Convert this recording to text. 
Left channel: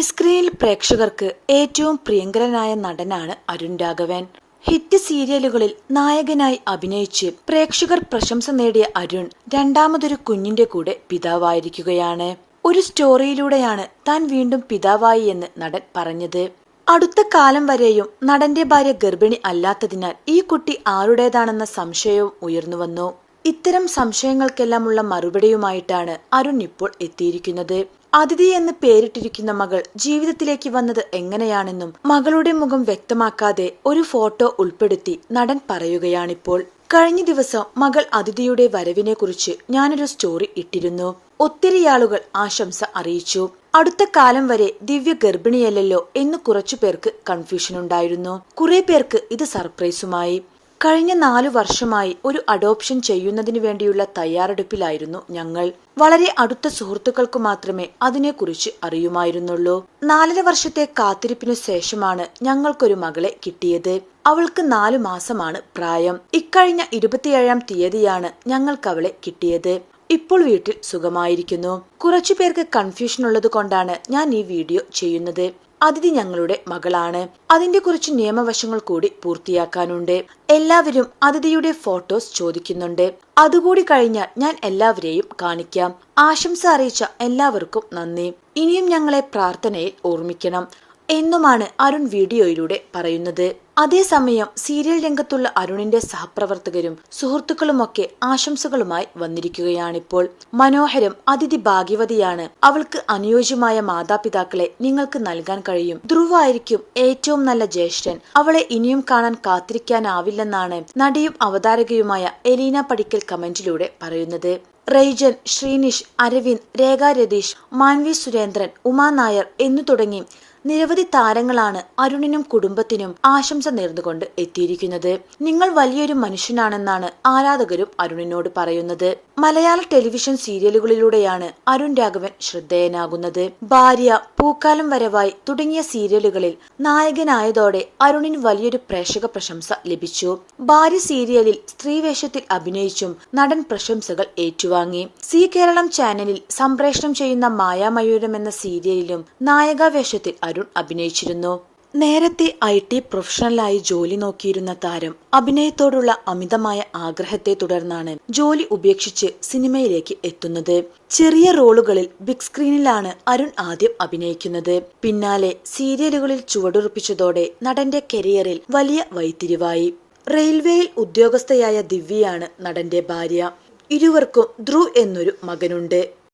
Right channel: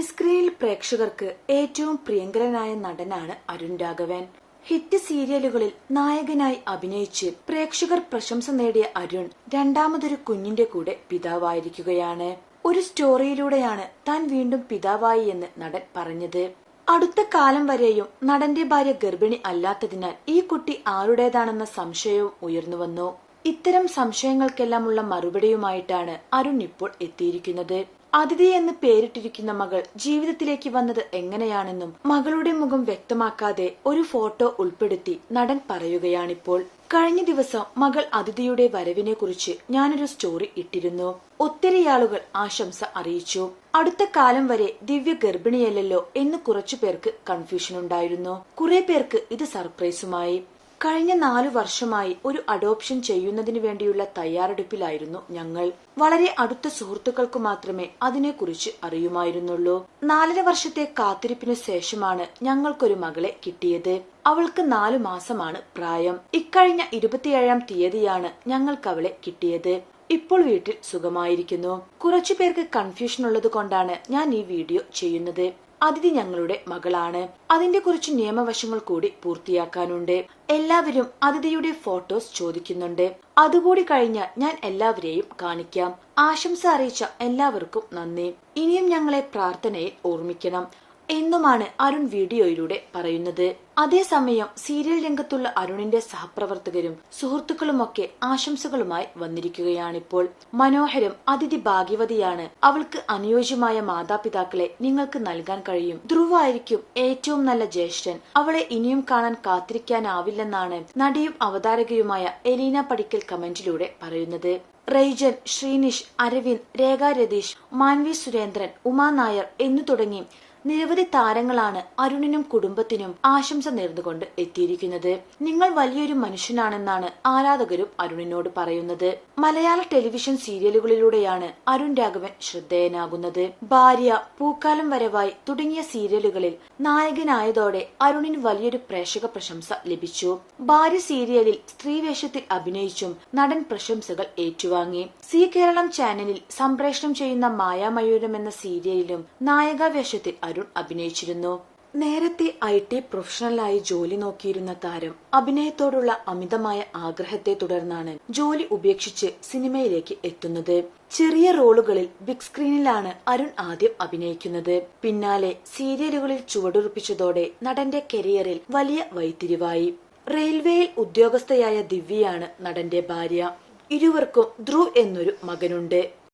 മിനിസ്ക്രീനിൽ പ്രേക്ഷകർക്ക് ഏറ്റവും പ്രിയങ്കരനായ നടനാണ് അരുൺ രാഘവൻ. ഹിറ്റ് സീരിയലുകളിൽ നായകനായി അഭിനയിച്ച് പ്രേക്ഷകർ പ്രശംസ നേടിയ അരുൺ രണ്ടാമതൊരു കുഞ്ഞിന്റെ കൂടെ പിതാവായിരിക്കുകയാണ്. ഒരു സ്റ്റോറിയിലൂടെയാണ് താൻ വീണ്ടും പിതാവായി എന്ന് നടൻ പറഞ്ഞത്. അടുത്ത കാലം വരെയും നടന്റെ ഭാര്യ ഗർഭിണി അല്ലാത്തതിനാൽ ഈ കുട്ടി ആരുടേതാണെന്ന സംശയവും ഉയർന്നുവന്നു ഇത്തരം സംശയങ്ങൾക്കെല്ലാം ഉള്ള മറുപടിയുമായിട്ടാണ് അരുൺ ഇപ്പോൾ എത്തിയിരിക്കുന്നത്. അതിഥി എന്ന് പേരിട്ടിരിക്കുന്ന മകൾ ജീവിതത്തിലേക്ക് വന്നത് എങ്ങനെയാണെന്നും മകളുടെ മുഖം വ്യക്തമാക്കാതെ ഒരു ഫോട്ടോ ഉൾപ്പെടുത്തി നടൻ പറയുകയാണിപ്പോൾ. കഴിഞ്ഞ ദിവസം മകൾ അതിഥിയുടെ വരവിനെ കുറിച്ച് ഞാനൊരു സ്റ്റോറി ഇട്ടിരുന്നു. ഒത്തിരി ആളുകൾ ആശംസ അറിയിച്ചു. അടുത്ത കാലം വരെ ദിവ്യ ഗർഭിണിയല്ലല്ലോ എന്ന് കുറച്ചു പേർക്ക് കൺഫ്യൂഷൻ ഉണ്ടായിരുന്നു കുറെ പേർക്ക് ഇത് സർപ്രൈസുമായി. കഴിഞ്ഞ നാലു വർഷമായി ഒരു അഡോപ്ഷൻ ചെയ്യുന്നതിന് വേണ്ടിയുള്ള തയ്യാറെടുപ്പിലായിരുന്നു ഞങ്ങൾ. വളരെ അടുത്ത സുഹൃത്തുക്കൾക്ക് മാത്രമേ അതിനെക്കുറിച്ച് അറിയുമായിരുന്നുള്ളൂ. നാലര വർഷത്തെ കാത്തിരിപ്പിനു ശേഷമാണ് ഞങ്ങൾക്കൊരു മകളെ കിട്ടിയത്. അവൾക്ക് നാലു മാസമാണ് പ്രായം. ഇക്കഴിഞ്ഞ ഇരുപത്തിയേഴാം തീയതിയാണ് ഞങ്ങൾക്ക് അവളെ കിട്ടിയത്. ഇപ്പോൾ വീട്ടിൽ സുഖമായിരിക്കുന്നു. കുറച്ചു പേർക്ക് കൺഫ്യൂഷൻ ഉള്ളത് കൊണ്ടാണ് ഞാൻ ഈ വീഡിയോ ചെയ്യുന്നത്. അതിഥി ഞങ്ങളുടെ മകളാണ്. അതിന്റെ കുറച്ച് നിയമവശങ്ങൾ കൂടി പൂർത്തിയാക്കാനുണ്ട്. എല്ലാവരും അതിഥിയുടെ ഫോട്ടോസ് ചോദിക്കുന്നുണ്ട്. അതുകൂടി കഴിഞ്ഞാൽ ഞാൻ എല്ലാവരെയും കാണിക്കാം. ആശംസ അറിയിച്ച എല്ലാവർക്കും നന്ദി. ഇനിയും ഞങ്ങളെ പ്രാർത്ഥനയിൽ ഓർമ്മിക്കണം. എന്നുമാണ് അരുൺ വീഡിയോയിലൂടെ പറയുന്നത്. അതേസമയം സീരിയൽ രംഗത്തുള്ള അരുണിന്റെ സഹപ്രവർത്തകരും സുഹൃത്തുക്കളുമൊക്കെ ആശംസകളുമായി വന്നിരിക്കുകയാണിപ്പോൾ. മനോഹരം അതിഥി ഭാഗ്യവതിയാണ് അവൾക്ക് അനുയോജ്യമായ മാതാപിതാക്കളെ നിങ്ങൾക്ക് നൽകാൻ കഴിയും. ധ്രുവായിരിക്കും ഏറ്റവും നല്ല ജ്യേഷ്ഠൻ. അവളെ ഇനിയും കാണാൻ കാത്തിരിക്കാനാവില്ലെന്നാണ് നടിയും അവതാരകയുമായ എലീന പടിക്കൽ കമന്റിലൂടെ പറയുന്നത്. റെയ്ജൻ ശ്രീനിഷ് അരവിന്ദ് രേഖ രതീഷ് മാൻവി സുരേന്ദ്രൻ ഉമാ നായർ എന്നു തുടങ്ങി നിരവധി താരങ്ങളാണ് അരുണിനും കുടുംബത്തിനും ആശംസ നേർന്നുകൊണ്ട് എത്തിയിരിക്കുന്നത്. നിങ്ങൾ വലിയൊരു മനുഷ്യനാണെന്നാണ് ആരാധകരും അരുണിനോട് പറയുന്നത്. മലയാള ടെലിവിഷൻ സീരിയലുകളിലൂടെയാണ് അരുൺ രാഘവൻ ശ്രദ്ധേയനാകുന്നത്. ഭാര്യ പൂക്കാലം വരവായി തുടങ്ങിയ സീരിയലുകളിൽ നായകനായതോടെ അരുണിന് വലിയൊരു പ്രേക്ഷക പ്രശംസ ലഭിച്ചു. ഭാര്യ സീരിയലിൽ സ്ത്രീവേഷത്തിൽ അഭിനയിച്ചും നടൻ പ്രശംസകൾ ഏറ്റുവാങ്ങി. സി കേരളം ചാനലിൽ സംപ്രേഷണം ചെയ്യുന്ന മായാമയൂരം എന്ന സീരിയലിലും നായകാവേഷത്തിൽ അരുൺ അഭിനയിച്ചിരുന്നു. നേരത്തെ ഐ ടി പ്രൊഫഷണലായി ജോലി നോക്കിയിരുന്ന താരം അഭിനയത്തോടുള്ള അമിതമായ ആഗ്രഹത്തെ തുടർന്നാണ് ജോലി ഉപേക്ഷിച്ച് സിനിമയിലേക്ക് എത്തുന്നത്. ചെറിയ റോളുകളിൽ ബിഗ് സ്ക്രീനിലാണ് അരുൺ ആദ്യം അഭിനയിക്കുന്നത്. പിന്നാലെ സീരിയലുകളിൽ ചുവടുറപ്പിച്ചതോടെ നടന്റെ കരിയറിൽ വലിയ വൈത്തിരിവായി റെയിൽവേയിൽ ഉദ്യോഗസ്ഥയായ ദിവ്യയാണ് നടന്റെ ഭാര്യ. ഇരുവർക്കും ധ്രുവ് എന്നൊരു മകനുണ്ട്.